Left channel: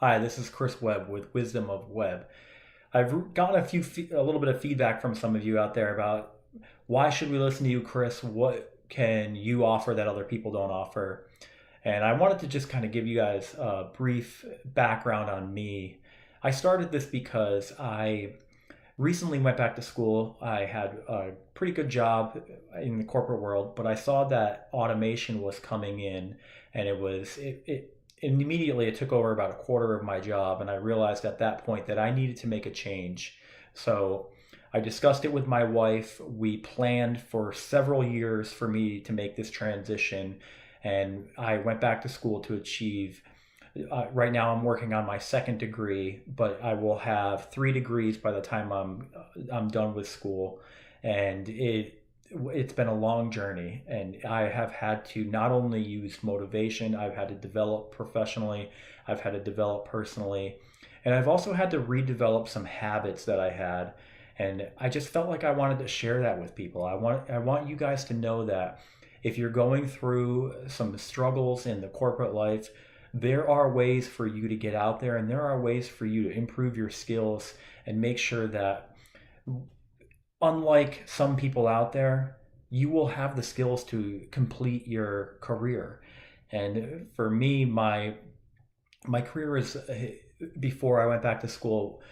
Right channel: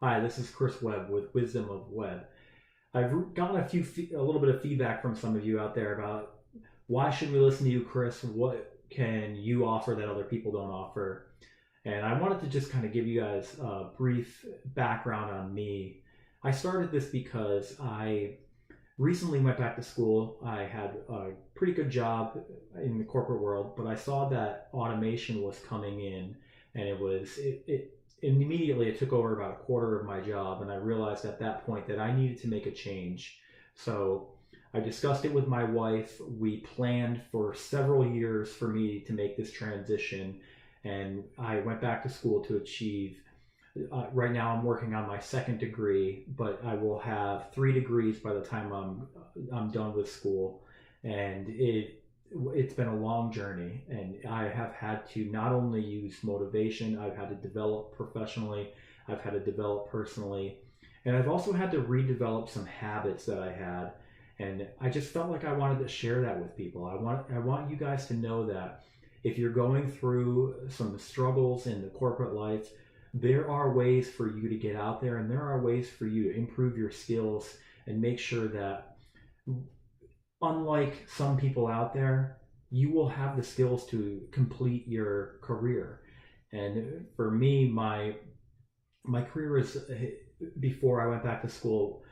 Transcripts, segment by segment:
Hi, this is Chris Webb with Wisdom of Webb. I've gotten a little bit of feedback from some of you out there about why should we listen to you, Chris? What can you offer that other people don't offer? And I wanted to just kind of give you guys a brief background on me. I started this because I recently went back to school. I had a pretty good job in the corporate world, but I saw that automation was coming in, and it immediately it took over about a quarter of my job, and I realized at that point that I needed to make a change. So I discussed it with my wife. We planned for several years for me to make this transition, and I went back to school to achieve. Right now, I'm working on my second degree, but I will have 3 degrees by the time I'm done with school, and it's been a long journey, and I have had to not only use motivation, I've had to develop professionally, I've had to develop personally, and I've also had to redevelop some habits that I had, and I just felt like I wanted to share that with people. I want you guys to know that if you're going through some struggles in the corporate life, there are ways for you to get out there, and there are ways for you to improve your skills and make sure that, unlike some people out there, you will have the skills to complete your career. And for me, my career is, before I went back to school,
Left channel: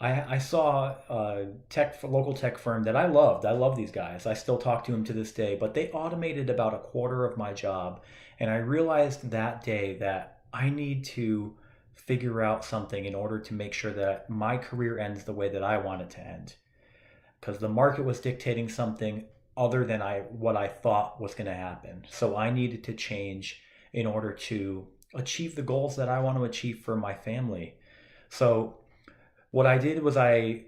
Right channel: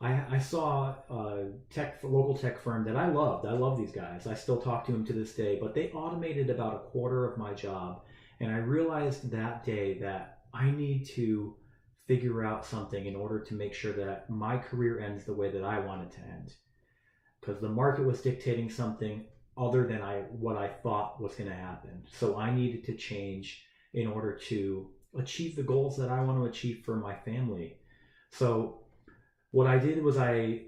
I saw a local tech firm that I loved. I love these guys. I still talk to them to this day, but they automated about a quarter of my job. And I realized that day that I need to figure out something in order to make sure that my career ends the way that I want it to end. Because the market was dictating something other than what I thought was going to happen. So I needed to change in order to achieve the goals that I want to achieve for my family. So what I did was I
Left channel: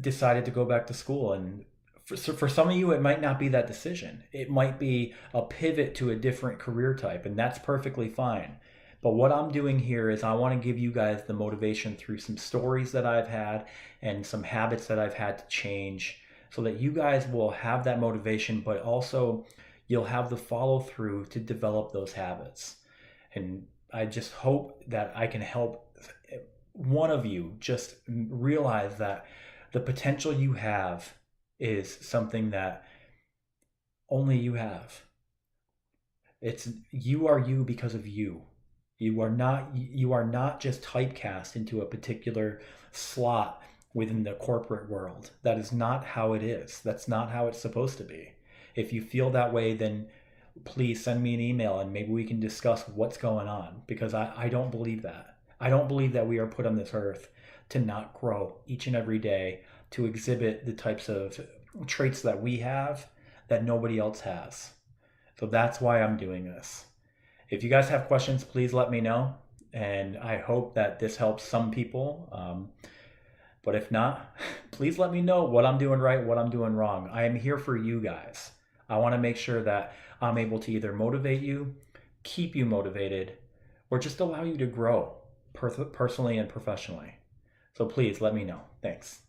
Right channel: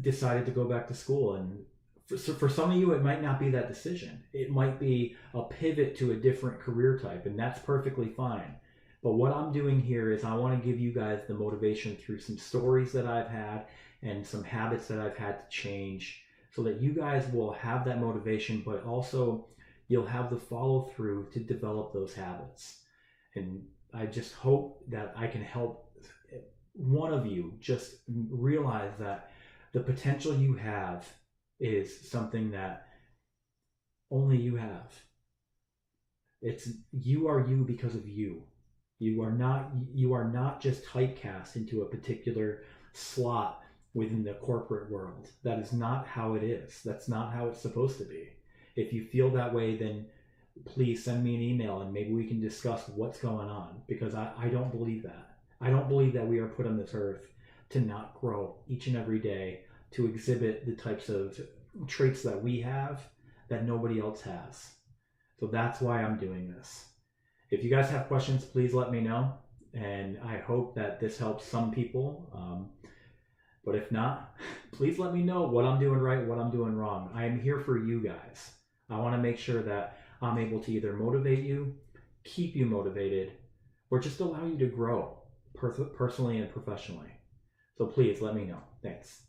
decided to go back to school. And for some of you, it might not be that decision. It might be a pivot to a different career type, and that's perfectly fine. But what I'm doing here is I want to give you guys the motivation through some stories that I've had and some habits that I've had to change, so that you guys will have that motivation, but also you'll have the follow through to develop those habits. And I just hope that I can help one of you just realize that the potential you have is something that only you have. It's you are you because of you. You are not just typecast into a particular slot within the corporate world. That is not how it is. That's not how it's supposed to be. If you feel that way, then please send me an email and maybe we can discuss what's going on, because I don't believe that. I don't believe that we are put on this earth to not grow each and every day, to exhibit the types of traits that we have that nobody else has. So that's why I'm doing this. If you guys have questions, please let me know. And I hope that this helps some people. But if not, please let me know what I'm doing right, what I'm doing wrong. I am here for you guys. I want to make sure that I'm able to either motivate you, keep you motivated, or just allow you to grow personally and professionally. So please let me know. Thanks.